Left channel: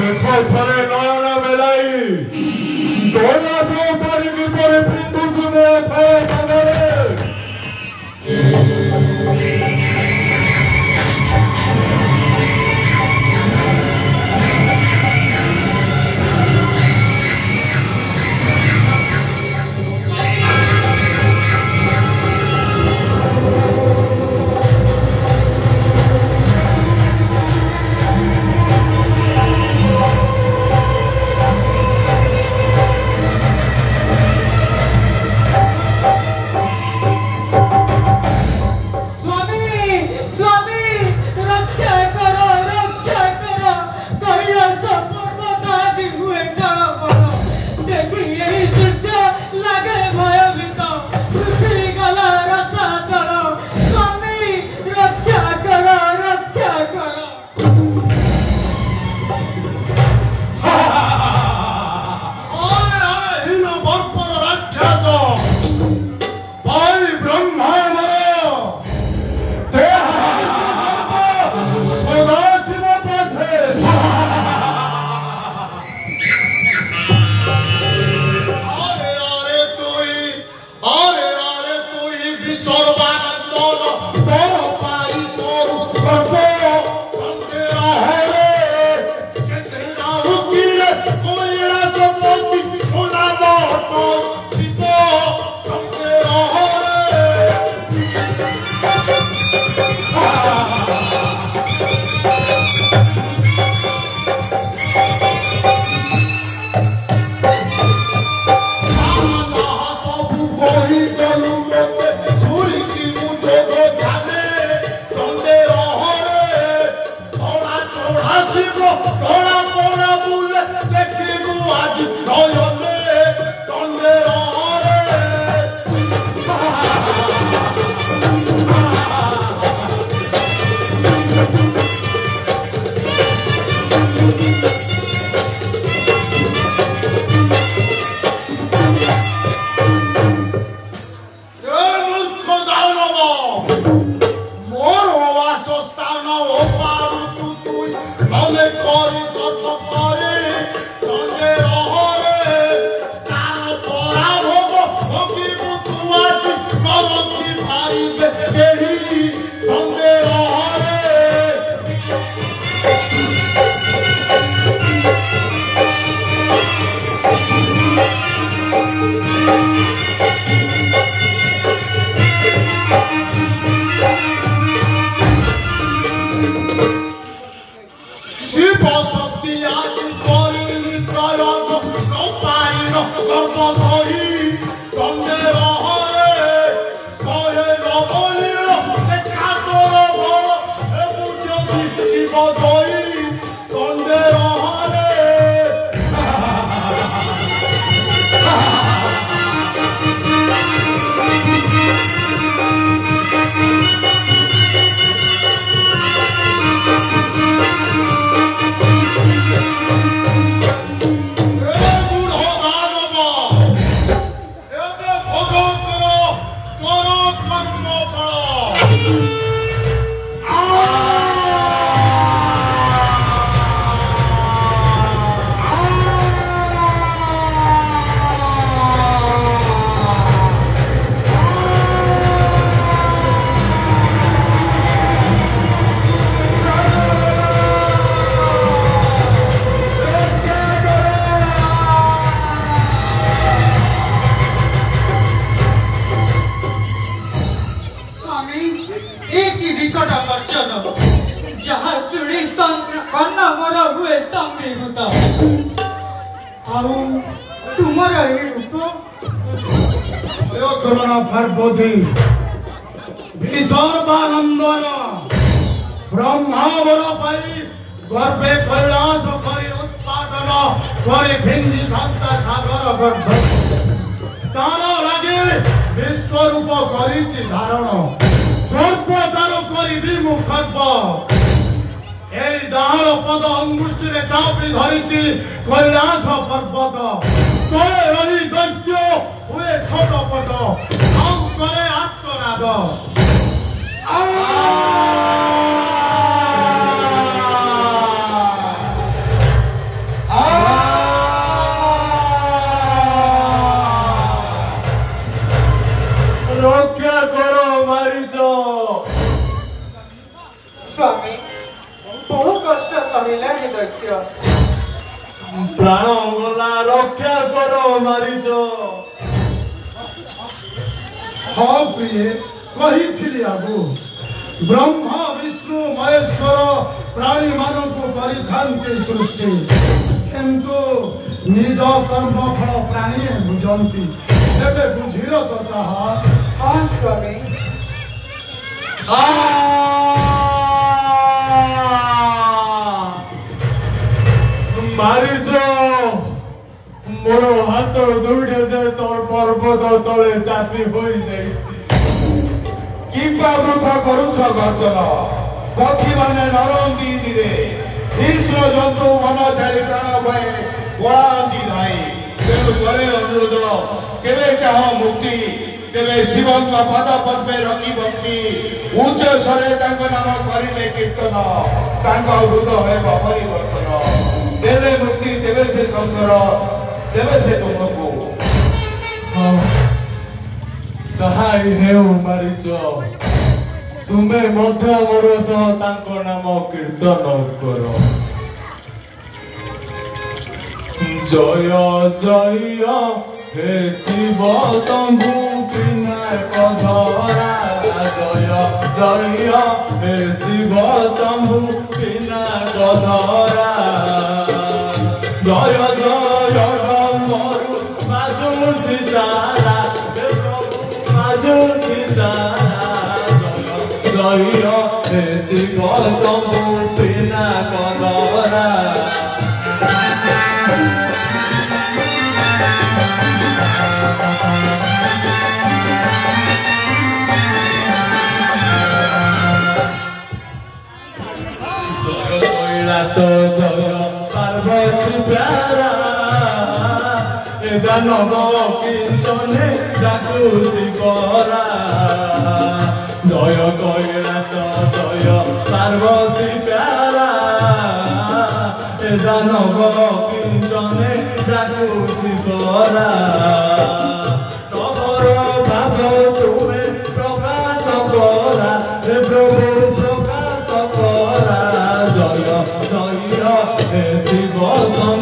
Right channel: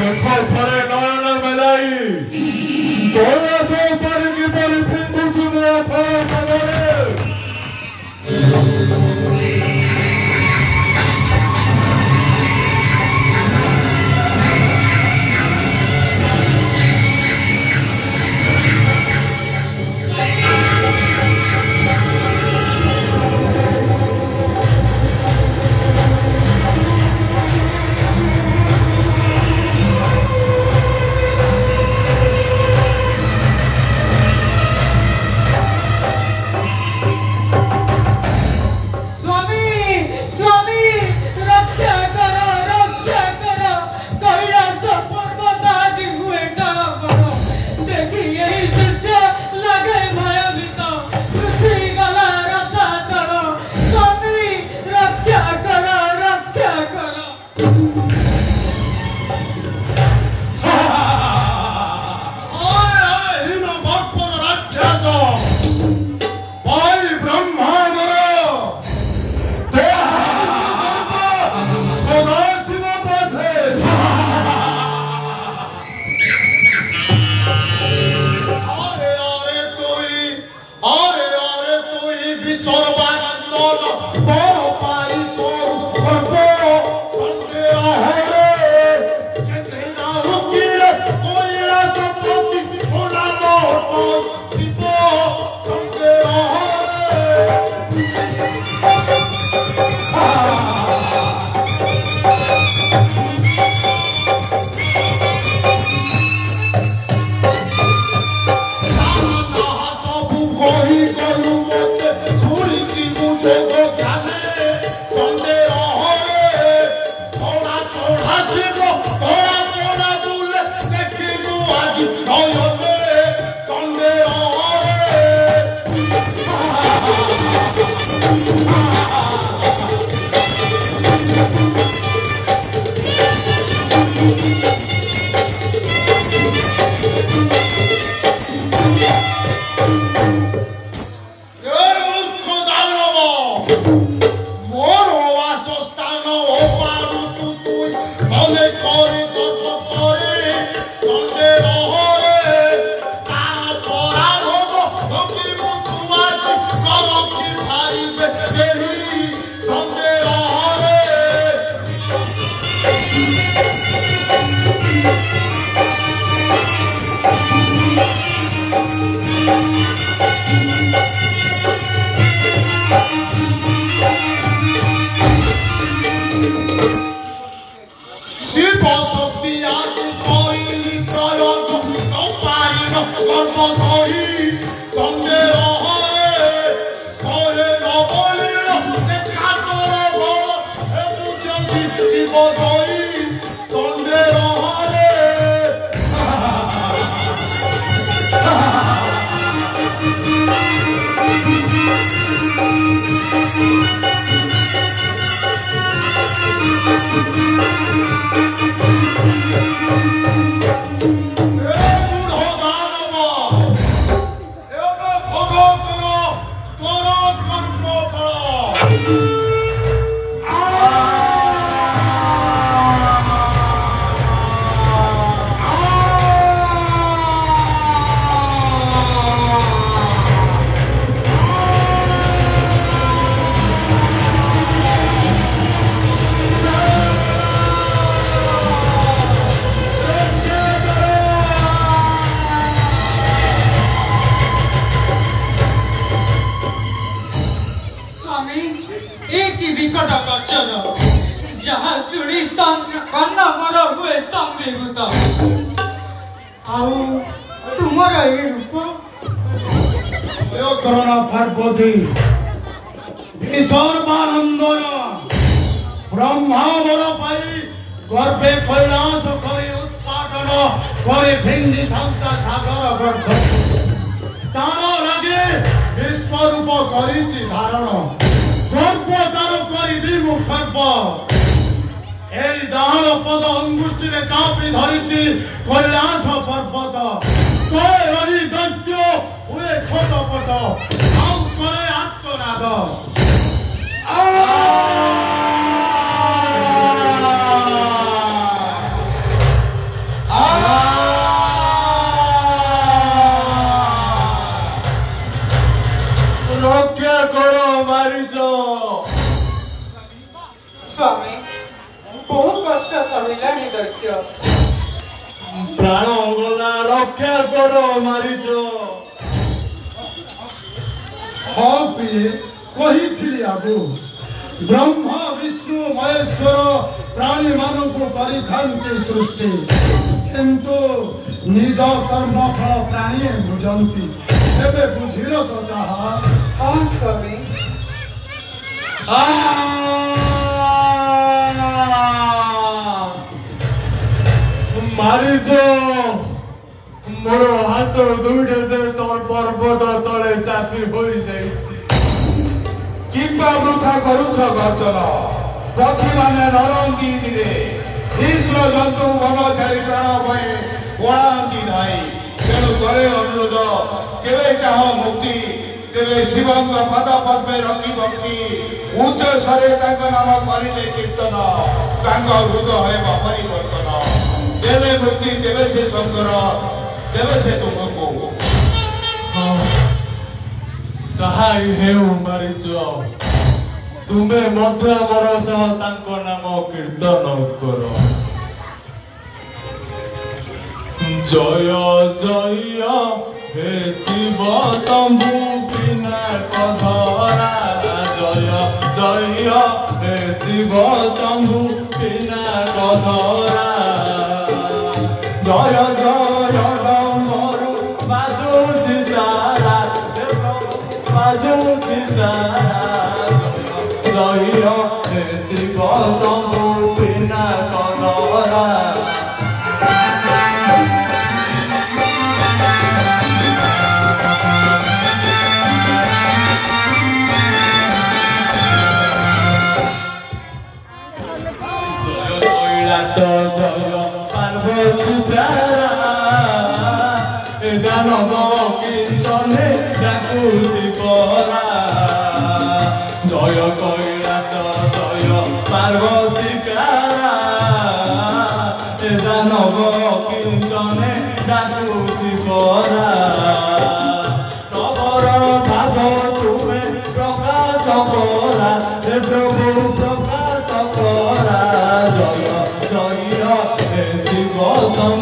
ଦେଖ ଥରେ ନୟନ ମେଲାଇ କୈଳାସ ଉପରେ କିପରି ପିନ୍ଧୁଛି ମୋ ଥୟ ସାଗରେ। सत्य प्राण गला रक्षा करो मारिच हाँ प्रिय कही आगु ब्रह्मा विष्णु महेश्वर प्राणी मानव को परिधान की सृष्टि किंतु निज कर्म फल प्राणी बुझंती तेरे बुझिल तो ताहा हाँ स्वामी मारिच मोर हाथ दुईटे जे तोर पर्वत तले चापी हो जाइछि किंबा वृथा करुछ गर्जन पक्षी माने नरंदी दिरे कृष्ण जंतु ममचारी प्राण भय पड़ाती धाई तेणु करे अनुरोध केवे चाह मुक्ति तेरे शिवंग पद पद्मे रखी भक्ति उच्च स्वरे नाम करिले कीर्तन हृदय परिवर्तन देवे मुक्ति देवे से शंकर देवे से तुमको ताहाई हेउ मारिच तुमे मध्य मोर सह तांको नाम कीर्तन कर जय जय हे शिव शंभु पधरा जय जय हे शिव शंभु पधरा जय जय मरु बाजू सारा बाजू सारा जय हे शिव शंभु पधरा जय पार्वती प्यारा ए दानव किंचने डाकुसी परा जय कैलास जय पार्वती प्यारा ए दानव किंचने डाकुसी परा तवर भाव तुमे प्रकाश करा हे प्रभु प्रकाश करा जय जय हे शिव